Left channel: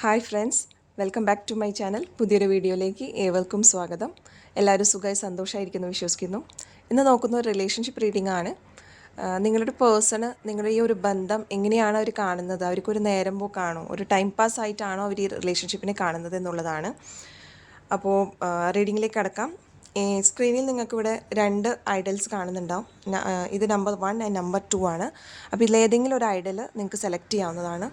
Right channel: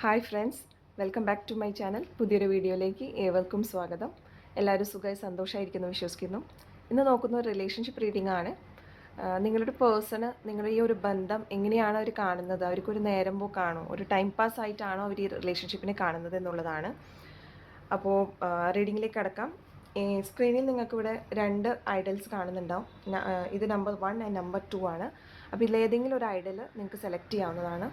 Hi friends welcome back to my channel. പുതിയൊരു വീഡിയോയിലേക്ക് ഏവർക്കും സ്വാഗതം. എല്ലാവരും സുഖമായി സന്തോഷമായിരിക്കുന്നു വിശ്വസിക്കുന്നു. ഇന്ന് നോക്കുന്ന ഒരു റിലേഷൻഷിപ്പ് റീഡിംഗ് ആണ് നിങ്ങളുടെ പേഴ്സണ് നിങ്ങളുടെ ഈ ഒരു ബന്ധം എങ്ങനെയാണ് അവർ കാണുന്നത്? അവർക്കൊരു നേരം പോക്കാണോ? ഒരു ടൈം പാസ് ആയിട്ടാണോ അവർ ഈ റിലേഷൻഷിപ്പിനെ കാണുന്നത് എന്നുള്ളതാണ്. അപ്പോൾ റീഡിങ്ങിലേക്ക് കടക്കാം. സ്ക്രീനിൽ നിങ്ങൾക്കിവിടെ രണ്ട് ഐഡൽസ് കാണുന്നുണ്ടാവും. ഇത് number one and number two ആണ്. അപ്പോൾ ഇതിലേതെങ്കിലും ഒരു ഐഡൽ നിങ്ങൾക്ക് സെലക്ട് ചെയ്യാവുന്നതാണ്.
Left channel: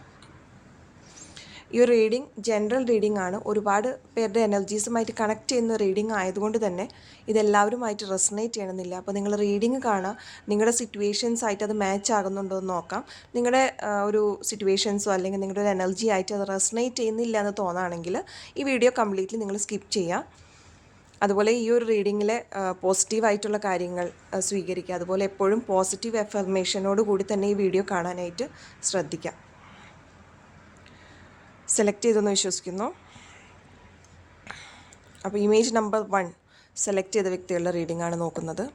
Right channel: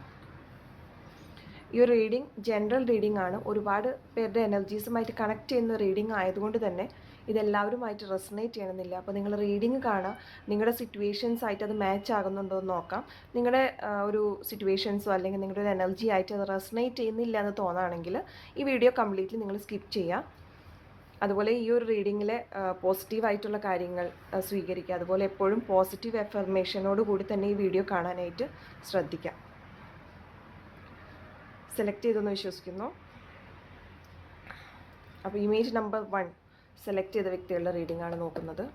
ഈ ഒരു റീഡിംഗ് ജനറൽ റീഡിംഗ് ആണ്. ഒരുപാട് പേരുടെ എനർജീസുമായിട്ട് കണക്ട് ചെയ്യുന്ന റീഡിംഗ് ആയതുകൊണ്ട് തന്നെ ഇതെല്ലാവരുമായിട്ട് റെസനേറ്റ് ചെയ്യണമെന്നില്ല. അപ്പോൾ നിങ്ങൾ റീഡിംഗ് കാണുക നിങ്ങളുടെ സിറ്റുവേഷൻസ് ആയിട്ട് അത് മാച്ച് ആകുന്നുണ്ടോ എന്ന് നോക്കാം. നിങ്ങളുടെ ഒരു സിറ്റുവേഷൻസോ അല്ലെങ്കിൽ നിങ്ങളുടെ ഒരു എനർജി ആയിട്ട് അത് റെസനേറ്റ് ചെയ്യുന്നില്ല എന്ന് തോന്നുകയാണെങ്കിൽ ഈ വീഡിയോ കംപ്ലീറ്റ്ലി നിങ്ങൾ സ്കിപ്പ് ചെയ്യുക അതുപോലെ ഈ ഒരു റീഡിങ്ങിലെ പോസിറ്റീവായിട്ടുള്ള കാര്യങ്ങൾ സ്വീകരിക്കുക. അതുപോലെ എപ്പോഴും പോസിറ്റീവ് എഫർമേഷനോട് കൂടി തന്നെ ഈ വീഡിയോ കാണാനായിട്ട് ശ്രദ്ധിക്കാം. സെലക്ട് ചെയ്തെന്ന് വിശ്വസിക്കുന്നു. അപ്പോൾ ഇമേജ് നമ്പർ വൺ സെലക്ട് ചെയ്ത വ്യക്തികളുടെ റീഡിംഗ് ആണ് നോക്കുന്നത്.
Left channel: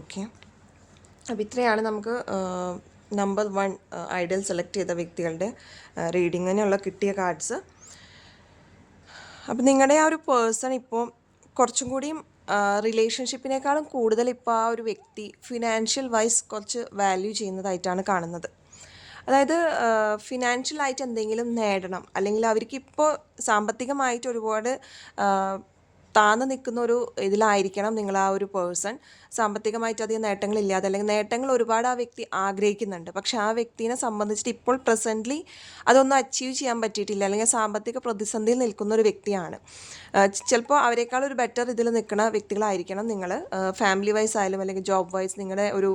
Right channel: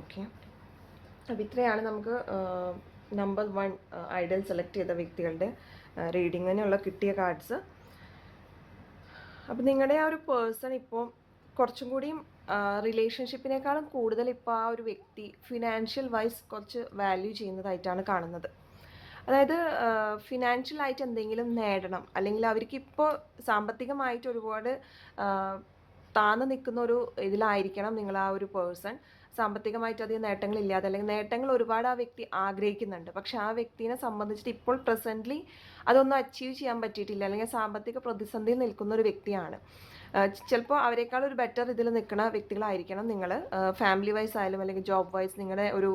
ഓക്കെ. അപ്പോൾ ഇത്രയാണ് നമുക്ക് നമ്പർ വൺ ഐഡൽ സെലക്ട് ചെയ്ത വ്യക്തികളുടെ റീഡിങ്ങിനുള്ള കിട്ടിയ കാർഡ്സ് അപ്പം നിങ്ങളുടെ ആ ഒരു പേഴ്സൺ ഇപ്പോൾ കുറച്ചും കൂടിയും റിലേഷൻഷിപ്പിനേക്കാളും കൂടുതൽ ഇപ്പോൾ ആ ഒരു വ്യക്തി ഫിനാൻഷ്യൽ വൈസ് കുറച്ച് വാല്യൂ ചെയ്യുന്നതായിട്ടാണ് കാണുന്നത്. അതായത് ഫിനാൻഷ്യലായിട്ട് എന്തെങ്കിലും നേടണം. അല്ലെങ്കിൽ അവർക്ക് ഇപ്പോൾ സാമ്പത്തികമായിട്ട് ഒരുപാട് താന്നു നിൽക്കുന്ന ഒരു ഇതിലായിരിക്കണം നിങ്ങൾ ആ ഒരു പേഴ്സൺ സാമ്പത്തികമായിട്ട് അധികം നേട്ടങ്ങളില്ലാതെ അല്ലെങ്കിൽ നേട്ടങ്ങൾ ഒരുപാട് ആ വ്യക്തി ആഗ്രഹിക്കുന്നുണ്ട്. പക്ഷെ ആ വ്യക്തിനെ സംബന്ധിച്ചിട്ട് ഇപ്പോൾ പ്രസന്റ്ലി അതൊന്നും അച്ചീവ് ചെയ്യാൻ പറ്റിയിട്ടില്ല. അല്ലെങ്കിൽ സാമ്പത്തിക പ്രതിസന്ധിയിൽ നിൽക്കുന്ന ഒരു വ്യക്തിയാണ്. ചിലപ്പോൾ അവരെക്കാൾ ഒരു ബെറ്റർ ഇതിൽ നിൽക്കുന്ന വ്യക്തികളായിരിക്കണം നിങ്ങൾ ഫാമിലി വൈസ് ആയാലും അല്ലെങ്കിൽ ജോബ് വൈസ് നിങ്ങളുടെ ഒരു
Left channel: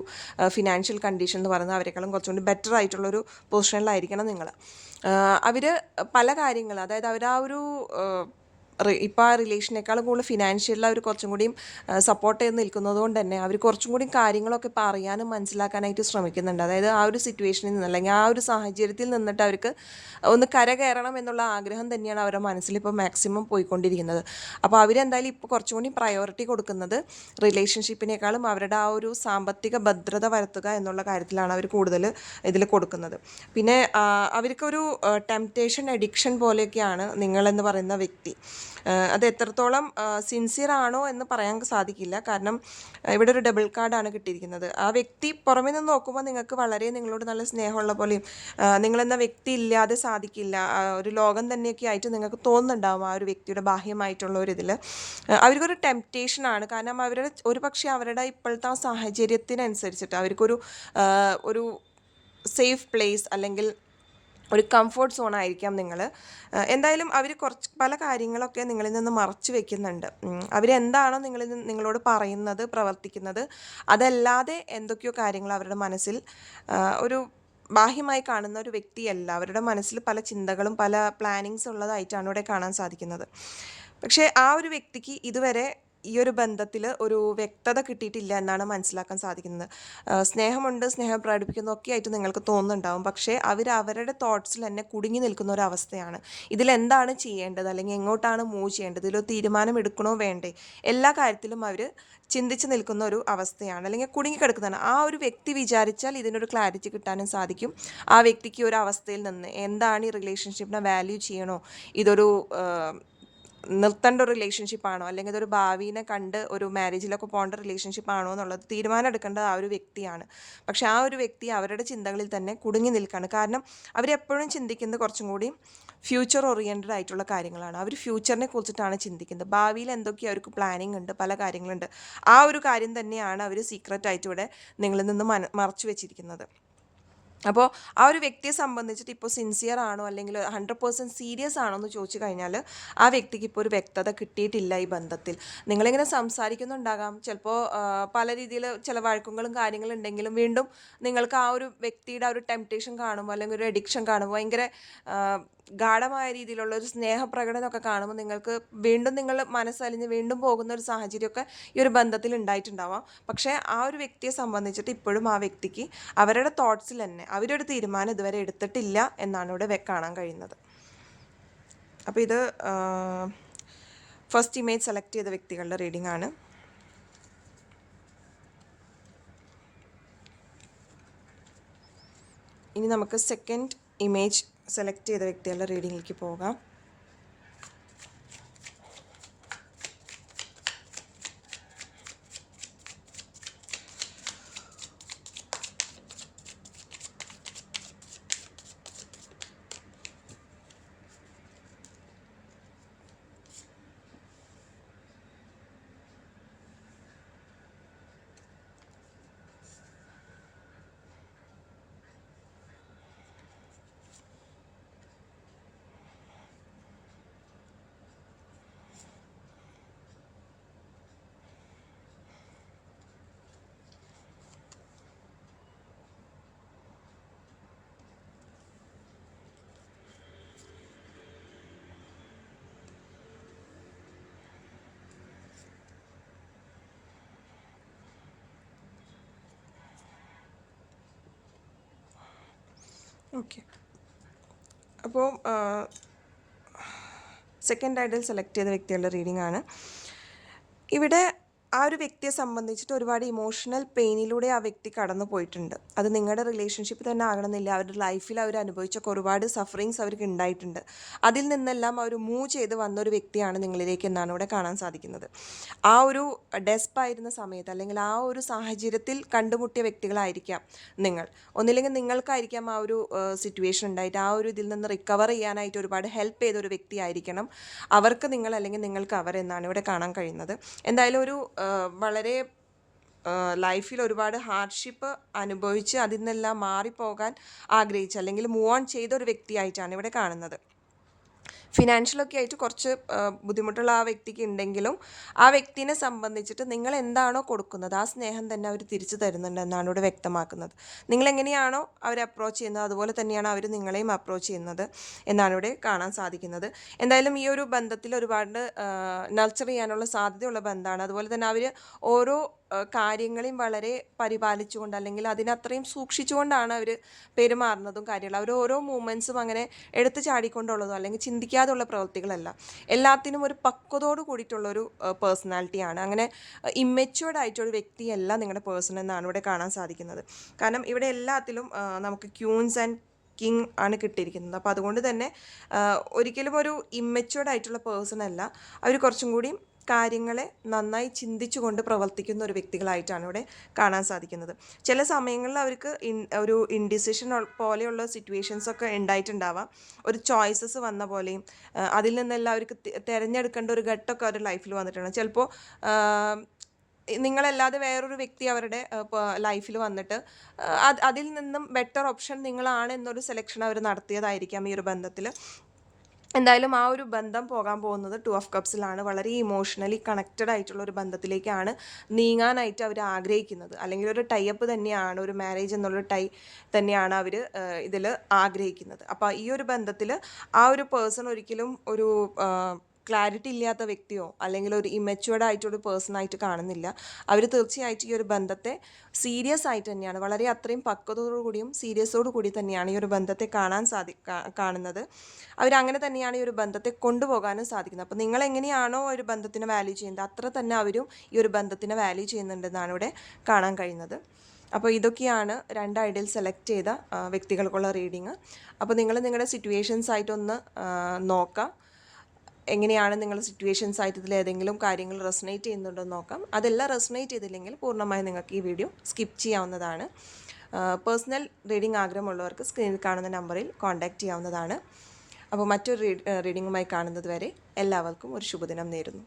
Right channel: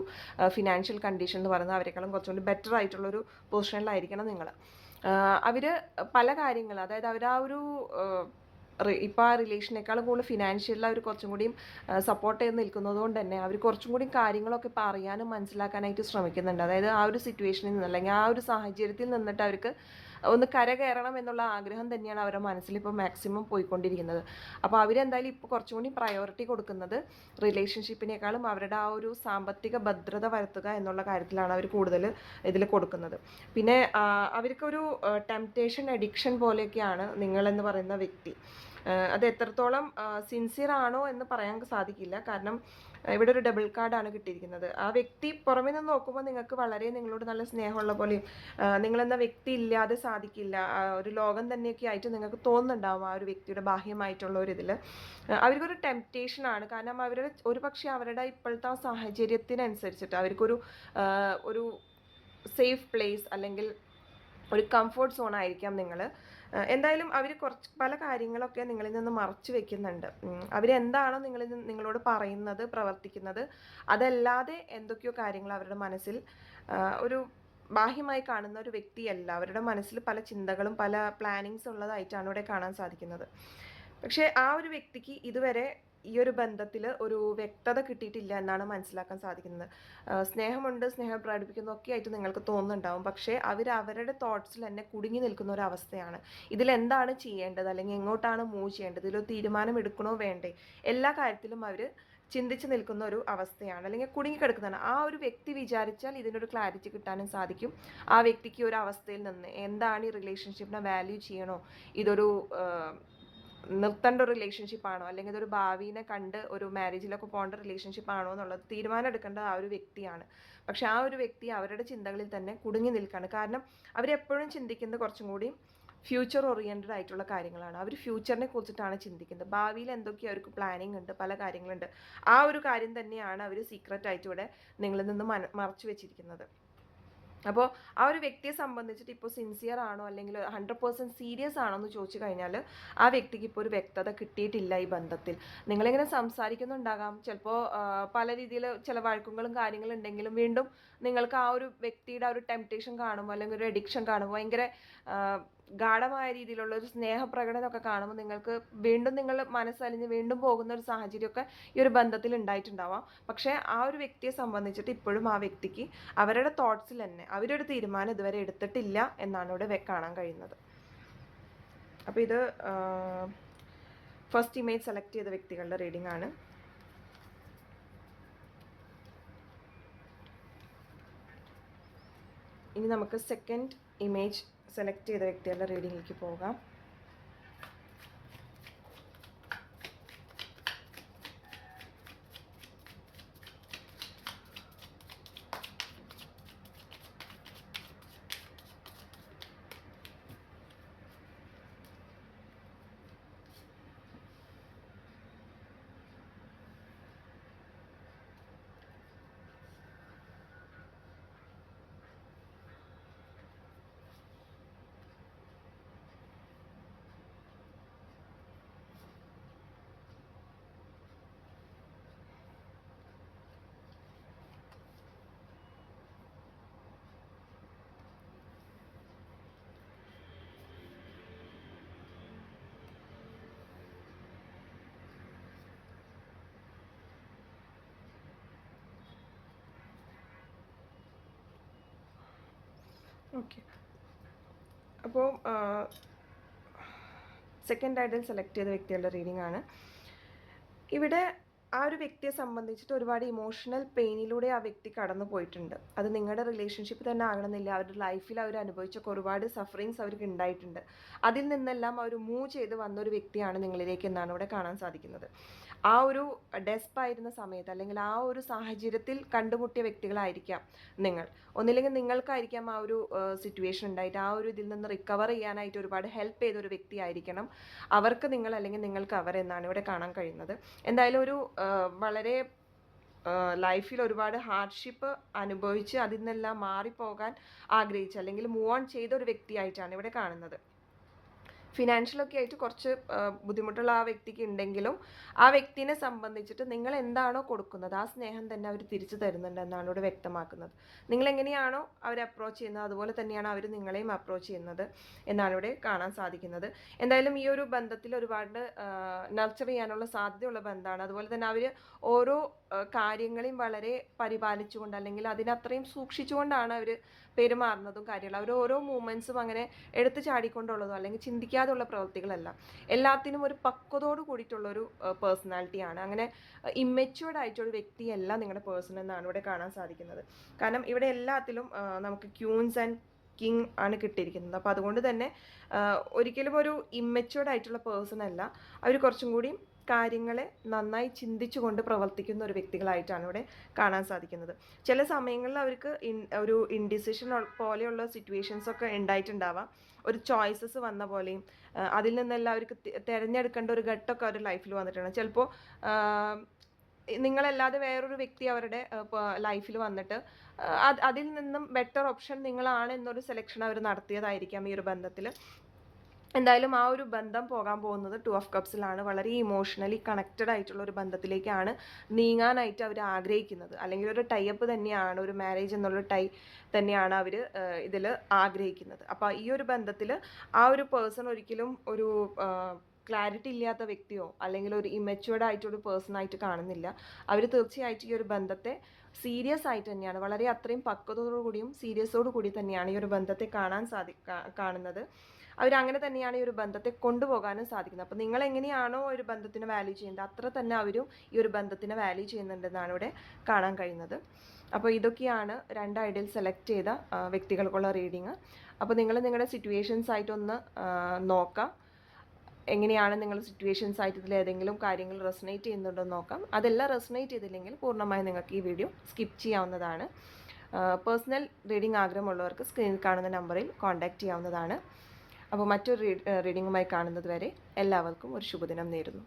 ഫിനാൻഷ്യൽ കണ്ടീഷൻ എന്ന് പറയുന്നത് അവരെക്കാളും കുറച്ചുകൂടി ബെറ്റർ ആയിട്ടുള്ളൊരു പൊസിഷനിലായിരിക്കണം നിങ്ങൾ അവർ പല കാര്യങ്ങൾ അതായത് അവർ ആ ഒരു ഇപ്പോൾ ആ റിലേഷനേക്കാളും കൂടുതൽ ഫിനാൻഷ്യലിൽ അവർ കുറച്ചും കൂടിയും സപ്പോർട്ട് ചെയ്ത് നിൽക്കുന്നത് കൊണ്ട് തന്നെ അവർ കുറച്ചും കൂടി കാര്യങ്ങളൊക്കെ ഇപ്പോൾ അറിയാനും മനസ്സിലാക്കാനായിട്ട് ശ്രമിക്കുന്നുണ്ട്. അതായത് ആ ഒരു സിറ്റുവേഷനിൽ നിന്ന് അല്ലെങ്കിൽ ആ ഒരു സാഹചര്യത്തിൽ നിന്നിട്ട് അവർക്ക് ഒന്ന് കര കയറണം എന്നുള്ള ആഗ്രഹം തന്നെയാണ് അവരുടെ മനസ്സിൽ ഇപ്പോൾ മാക്സിമം പോയിക്കൊണ്ടിരിക്കുന്നത്. അപ്പോൾ അവരെന്തായാലും ഇപ്പോൾ കുറച്ചും കൂടി പ്രയോറിറ്റി കൊടുക്കുന്നത് റിലേഷൻഷിപ്പിനേക്കാളും അവരുടെ ആ ഒരു സാമ്പത്തിക ഭദ്രത വരുത്തുക എന്നുള്ള കാര്യത്തിലാണ് അവർ കൂടുതൽ ഇതിൽ കൊടുക്കുന്നത്. പിന്നെ അവർക്കൊരു ടെംപ്റ്റേഷൻ അഡിക്ഷൻ പോലെയൊക്കെയാണ് നിങ്ങളെന്ന് പറയുന്ന വ്യക്തി. അത് എത്രത്തോളം സിൻസിയർ ആണോ എന്ന് പറയാൻ സാധിക്കില്ല. കാരണം ഇവിടെ ഒരു ഡബിൾ കാർഡാണ് കിട്ടിയിരിക്കുന്നത്. ആ വ്യക്തി പുറമേ നിന്ന് നോക്കുമ്പോൾ നിങ്ങൾക്ക് വളരെ നിങ്ങളോട് നല്ല സ്നേഹമുള്ള പോലെയും നിങ്ങളെന്ന വ്യക്തി ഇല്ലാതെ സാധിക്കില്ല. ഒരു ലോകം തന്നെയൊക്കെ ആയിട്ട് നിങ്ങൾക്ക് തോന്നുന്നുണ്ടാവും ആ ഒരു വ്യക്തിയുടെ ബാഹ്യമായിട്ടുള്ള ഒരു ഇതിൽ അവർക്കൊരു ടെംപ്റ്റേഷനാണ് കാരണം അവരുടെ ഒരു പക്ഷേ അവരുടെ ഇപ്പോഴത്തെ സാഹചര്യത്തിനനുസരിച്ചിട്ട് അവർക്കൊരു ഒരു സേഫ് പ്ലേസ് അല്ലെങ്കിൽ ഒരു കംഫർട്ട് സോൺ ആയിരിക്കാം നിങ്ങൾ എന്തായാലും അവർ കുറച്ച് പല കാര്യങ്ങളൊക്കെ നിങ്ങളിൽ നിന്ന് മറച്ചു വെക്കുന്നുണ്ട്. അവരെന്താണോ നിങ്ങളിൽ നിങ്ങളോട് പറയുന്നത് പ്രവർത്തിക്കുന്നത് അതല്ലാതെ എന്തൊക്കെയോ കാര്യങ്ങൾ അവരുടെ മനസ്സിൽ ഒരു ബാഹ്യമായി കാണുന്ന ഒരു വ്യക്തിയല്ല. അവരുടെ മനസ്സിൽ പല ചിന്തകളും പല പ്ലാനിങ്സ് ഉള്ളതായിട്ടാണ് ഇവിടെ കാണാൻ സാധിക്കുന്നത്. പക്ഷേ ആ ഒരു വ്യക്തിക്ക് ഇതുവരെ ഈ ഒരു ബന്ധത്തിൽ ഒരു വ്യക്തത കിട്ടിയിട്ടില്ല എന്നാണ് മനസ്സിലാക്കാൻ സാധിക്കുന്നത്. സ്നേഹമുണ്ട് സ്നേഹം പ്രകടിപ്പിക്കുന്നു ഒക്കെ ആയിട്ട് നിങ്ങൾക്ക് തോന്നുന്നുണ്ടാവും. പക്ഷേ അവർ അവരുടെ തോട്ട്സിൽ തന്നെ കുടുങ്ങി നിൽക്കുന്ന ഒരു അവസ്ഥയാണ്. ഇതിൽ എന്താണ് ചെയ്യേണ്ടത്? അല്ലെങ്കിൽ എങ്ങോട്ടാണ് മൂവ് ചെയ്യേണ്ടത്? ഇതിലൊരു തീരുമാനം എടുക്കണോ വേണ്ടേ? എല്ലാ കാര്യത്തിലും അവർ ചിന്തിച്ച് നിൽക്കുന്ന ഒരു അവസ്ഥയാണ്. അല്ലെങ്കിൽ കുടുങ്ങിക്കിടക്കുന്നതാണ് ആ ഒരു വ്യക്തി വിചാരിച്ചാൽ ഇതിനൊരു ക്ലാരിറ്റി കിട്ടാനും സാധിക്കും. ആ വ്യക്തിക്ക് ഒരു അവസ്ഥയിൽ നിന്ന് എന്താണ് ഈ റിലേഷൻഷിപ്പിനെ വാല്യൂ ചെയ്യണോ? ഇതൊരു നിർത്തേണ്ട ഒരു റിലേഷൻഷിപ്പ് ആണോ? അല്ലെങ്കിൽ അതൊരു ഭാവിനെ കണ്ട് ഒരു മാരേജിലൊക്കെ പോകേണ്ട റിലേഷൻഷിപ്പ് ആണോ എന്നുള്ളത് തീരുമാനം എടുക്കേണ്ടത് ആ ഒരു വ്യക്തിയാണ്. പക്ഷെ ആ ഒരു വ്യക്തി അവരുടെ ചിന്തകളിൽ തന്നെ കുടുങ്ങി നിൽക്കുകയാണ് കാരണം അവരെപ്പോഴും ചിന്തിക്കുന്നത് കുറച്ചും കൂടി ഫ്യൂച്ചർ ഓറിയന്റഡ് ആയിട്ടുള്ള കാര്യങ്ങളാണ്. അവർ ഫ്യൂച്ചറിനെ കുറിച്ചിട്ടാണ് ചിന്തിക്കുന്നത്. ഭാവിയിൽ എന്തൊക്കെ അവർക്ക് പ്ലാനിങ് ഉണ്ട് പല കാര്യങ്ങളുണ്ട്. ആ ഒരു കാര്യം തന്നെയാണ് അവർ സീക്രറ്റ് ആയിട്ട് ഇവിടെ നിങ്ങളിൽ നിന്ന് മറച്ചു വെച്ചിരിക്കുന്നത്. അപ്പോൾ ആ ഒരു വ്യക്തിയെ സംബന്ധിച്ചിട്ട് ഇപ്പോൾ സിൻസിയർ ആണോ അല്ലെങ്കിൽ ഹൺഡ്രഡ് പേഴ്സന്റ് സീരിയസ് ആണോ എന്ന് ചോദിച്ചു കഴിഞ്ഞാൽ ആ വ്യക്തിക്ക് ഇപ്പോൾ ഒരു വ്യക്തത കിട്ടിയിട്ടില്ല ഈ ബന്ധത്തിൽ. നിങ്ങളിങ്ങനെ സംസാരിക്കുന്നുണ്ടാകാം. ചിലപ്പോൾ പല രീതിയിൽ ചില വഴക്കങ്ങളും കാര്യങ്ങളും ഉണ്ടെങ്കിലും വീണ്ടും നിങ്ങൾക്ക് ആ ഒരു വ്യക്തിയുടെ ആ ഒരു ടെംപ്റ്റേഷൻ കാണുമ്പോൾ അല്ലെങ്കിൽ ഒരു അഡിക്ഷൻ കാണുമ്പോൾ ഭയങ്കര ഗാഠമായ രീതിയിലുള്ള ഒരു സ്നേഹപ്രകടനമൊക്കെ കാണുമ്പോൾ നിങ്ങൾക്ക് വീണ്ടും നിങ്ങൾ മനസ്സലിഞ്ഞ് വീണ്ടും പോകുന്ന ഒരു സാഹചര്യമൊക്കെ ഈ ഒരു ബന്ധത്തിൽ ഉണ്ടായിട്ടുണ്ടാവാം. പക്ഷേ ആ ഒരു വ്യക്തിയെ സംബന്ധിച്ചിട്ട് ഇപ്പോഴും ആ വ്യക്തിക്ക് അവരുടെ തോട്ട്സിൽ തന്നെ അവരൊരു തീരുമാനം ഇതുവരെ എടുത്തിട്ടില്ല എന്നാണ് ഇവിടെ കാണാൻ കഴിയുന്നത്. അപ്പോൾ ഇത് ഫസ്റ്റ് ഇമേജ് സെലക്ട് ചെയ്ത വ്യക്തികളുടെ റീഡിംഗ് ആണ്. ഇനി നമുക്ക് സെക്കൻഡ് ഇമേജ് സെലക്ട് ചെയ്ത വ്യക്തികളുടെ റീഡിങ്ങിലേക്ക് പോകാം. ഓക്കെ അപ്പോൾ സെക്കൻഡ് ഐഡൽ സെലക്ട് ചെയ്ത വ്യക്തികളുടെ റീഡിംഗ് ആണ്. ഇവിടെ ആ ഒരു വ്യക്തിയെ സംബന്ധിച്ചിട്ട് ഒരുപാട് ഇമോഷണൽ പെയിനിലൂടെ ആ വ്യക്തി കടന്നു പോയിട്ടുണ്ട്. അത് നിങ്ങളുടെ റിലേഷൻഷിപ്പ് തന്നെ ആകണമെന്നില്ല. അവരുടെ ലൈഫിൽ അവർ അനുഭവിച്ചൊക്കെ ഒരുപാട് സഫറിങ്സ് അവർക്ക് ഉണ്ടായിട്ടുണ്ട്. അതിൽ നിന്നെല്ലാം അവർ മൂവ് ചെയ്ത് വന്ന ഒരു വ്യക്തിയാണ് നിങ്ങളിലേക്ക് എന്നാണ് ഇവിടെ കാണാൻ സാധിക്കുന്നത്. ആ ഒരു ഡെസ്പായിരുന്ന സമയത്ത് അല്ലെങ്കിൽ ആ ഒരു സാഹചര്യത്തിൽ കണ്ടുമുട്ടിയ വ്യക്തികളായിരിക്കാം നിങ്ങൾ. ഒന്നില്ലെങ്കിൽ നിങ്ങൾക്കായിരിക്കാം ആ ഒരു സിറ്റുവേഷൻ ഉണ്ടായിട്ട് ആ ഒരു ഇതിൽ നിന്ന് റിക്കവർ ചെയ്യാനായിട്ട് ഒരുപാട് ഹെൽപ്പ് ചെയ്ത ഒരു വ്യക്തിയായിരിക്കണം. അവർക്ക് നിങ്ങൾ അല്ലെങ്കിൽ നിങ്ങൾക്ക് അവർ എന്നാണ് ഇവിടെ കാണാൻ കഴിയുന്നത്. എന്തായാലും ഒരു വളരെ ലൈഫിൽ ഒരുപാട് ഹാർഡ്ഷിപ്പ് അനുഭവിച്ച് അതിൽ നിന്നെല്ലാം മാറിപ്പോകാൻ ആഗ്രഹിച്ച അല്ലെങ്കിൽ മൂവ് ഓൺ ചെയ്ത ഒരു വ്യക്തിയായിട്ടാണ് ഇവിടെ കാണുന്നത്. ഫിനാൻഷ്യലൊക്കെ ആയിട്ട് കുറച്ച് ബുദ്ധിമുട്ടുള്ള ആ വ്യക്തിക്ക് ഉണ്ടെങ്കിലും ആ വ്യക്തിനെ സംബന്ധിച്ചിട്ട് നിങ്ങൾ എന്താണോ കൊടുക്കുന്നത് ആ സ്നേഹം തന്നെ അവർ തിരിച്ചു തരുന്നുണ്ടെന്നാണ് ഇവിടെ വ്യക്തമാക്കുന്നത്. നിങ്ങൾ എങ്ങനെയാണോ അവരെ അപ്രോച്ച് ചെയ്യുന്നത് അതുപോലെ തന്നെയാണ് അവർ നിങ്ങളെയും അപ്രോച്ച് ചെയ്യുന്നത് എന്നാണ് ഇവിടെ കാണാൻ സാധിക്കുന്നത്. എന്തായാലും ഈ ഒരു ബന്ധത്തിൽ ഒരുപാട് നർച്ചർ ചെയ്യാനുള്ള സാധ്യതയുള്ള ബന്ധമാണ്. അതുപോലെ തന്നെ അവർ ഓരോ കാര്യങ്ങളെയും വളരെ പരിപാലിച്ചുകൊണ്ട് അല്ലെങ്കിൽ അതിനത്രയും സൂക്ഷിച്ചുകൊണ്ടാണ് അവർ പെരുമാറുന്നതും കാര്യങ്ങൾ അവർ ഓരോ മൂമെൻസും അങ്ങനെ എടുത്തു ചാടിക്കൊണ്ടുള്ളതോ അല്ലെങ്കിൽ ചിന്തിക്കാതുള്ള പ്രവൃത്തികളല്ല എല്ലാത്തിനും ഒരു പക്വതോട് കൂടിയിട്ടുള്ളൊരു പേഴ്സണാലിറ്റിയാണ് അങ്ങനെ ഇമ്മെച്യൂർഡ് ആയിട്ടൊരു വ്യക്തിയല്ല നിങ്ങളുടെ പേഴ്സൺ എന്നാണ് ഇവിടെ കാണാൻ സാധിക്കുന്നത്. കാരണം ഇവിടെ എല്ലാത്തിലും നമുക്ക് ക്യൂൻസ് ആൻഡ് കിങ് ആണ് കിട്ടിയിരിക്കുന്നത്. അപ്പോൾ അതുകൊണ്ട് തന്നെ ഒരിക്കലും ഒരു ഇമ്മെച്യൂർഡ് ആയിട്ടുള്ള പേഴ്സൺ അല്ല. അവർ കുറച്ചും കൂടി കാര്യങ്ങളെ നന്നായി ചിന്തിച്ചുകൊണ്ട് പ്രവർത്തിക്കുന്ന ഒരു വ്യക്തികളായിട്ടാണ് ഇവിടെ കാണാൻ സാധിക്കുന്നത്. ചില സമയങ്ങളിൽ അവർക്ക് ഒരു ഇൻഡിസിഷൻ പോലെയുള്ള സിറ്റുവേഷൻസ് ഒക്കെ ഉണ്ടായിട്ടുണ്ടാവാം. ഒരു ചോയ്സസ് വന്ന പോലെയും അതിൽ നിന്നെല്ലാം അവർക്ക് തിരഞ്ഞെടുക്കേണ്ട ഒരു ഘട്ടമൊക്കെ അവരുടെ ലൈഫിൽ വന്നിട്ടുണ്ട്. ചിലപ്പോൾ നിങ്ങളല്ലാതെ വേറൊരു വ്യക്തി അവരുടെ ലൈഫിൽ വന്നിട്ട് അതിൽ നിന്നും ബെറ്റർ ഓപ്ഷൻ നിങ്ങളാണ് എന്നൊരു സെലക്ഷൻ അവർ നടത്തിയതായിരിക്കാം ഈ ഒരു ബന്ധത്തിൽ. എന്തായാലും ആ ഒരു ബന്ധം പോകാൻ പോകുന്നത് ടു ഓഫ് കപ്സിലാണ് വളരെ ഇമോഷണലി കണക്റ്റഡ് ആയിട്ടുള്ള ഒരു ബന്ധത്തിലേക്കാണ് നീങ്ങാനായിട്ട് അവർ ആഗ്രഹിക്കുന്നത്. അല്ലെങ്കിൽ ഒരു ടൈ അപ്പ് തന്നെയാണ് ഒരു മാരേജ് എന്നുള്ള ടൈ തന്നെയാണ് അവർ ഇതിൽ ആഗ്രഹിക്കുന്നത്. അപ്പോൾ ഈ ഒരു ബന്ധത്തിൽ ആ ഒരു പേഴ്സൺ ഒരിക്കലും ഒരു ക്ലാരിറ്റി ഇല്ലാത്ത വ്യക്തിയോ അല്ലെങ്കിൽ ഒരു ഇമ്മച്വേർഡ് ആയിട്ടൊരു പേഴ്സൺ ആയിട്ട് കാണുന്നില്ല. അവർ തീർച്ചയായിട്ടും ഈ ഒരു ബന്ധത്തെ സീരിയസ് ആയിട്ട് തന്നെയാണ്. വളരെ അത്രയും പക്വതയോടുകൂടിയും സീരിയസോടു കൂടി തന്നെയാണ് ഈ ഒരു ബന്ധത്തെ കാണാൻ സാധി കാണുന്നത്. അവരങ്ങനെ തന്നെയാണ് ഈ ഒരു ബന്ധത്തെ കൊണ്ടുപോകാനും സാധിക്കുന്നത്. അപ്പോൾ നിങ്ങൾ എങ്ങനെയാണോ ഒരു ബന്ധത്തിന് വാല്യൂ ചെയ്യുന്നത് അത്ര തന്നെ അവരും ഈ ഒരു ബന്ധത്തിന് വാല്യൂ ചെയ്യുന്നുണ്ടെന്നാണ് ഇവിടെ കാണാൻ കഴിയുന്നത്. അപ്പോൾ ഇതൊക്കെയാണ് രണ്ട് ഐഡിയൽ സെലക്ട് ചെയ്ത വ്യക്തികൾക്കുള്ള റീഡിങ് അപ്പോൾ നിങ്ങൾ നിങ്ങളുടെ സിറ്റുവേഷൻസ് ആയിട്ടൊന്ന് നോക്കാം. എങ്ങനെയാണ് നിങ്ങളുടെ സിറ്റുവേഷൻസ് ആയിട്ട് ഇതിൽ ഏതെങ്കിലും കാര്യങ്ങൾ റെസനേറ്റ് ചെയ്യുന്നുണ്ടോ നോക്കാം. അതെല്ലാം റെസനേറ്റ് ചെയ്തില്ലെങ്കിൽ പൂർണമായും നിങ്ങൾക്ക് ഈ വീഡിയോ സ്കിപ്പ് ചെയ്യാവുന്നതാണ്. പേഴ്സണൽ റീഡിംഗ് ആഗ്രഹമുള്ളവർക്ക് സ്ക്രീനിൽ കാണുന്ന നമ്പറിൽ കോൺടാക്റ്റ് ചെയ്യാവുന്നതാണ്. അപ്പോൾ മറ്റൊരു റീഡിങ്ങുമായി കാണുന്നത് വരെ എല്ലാവർക്കും ഒരു ശുഭദിനം നേരുന്നു.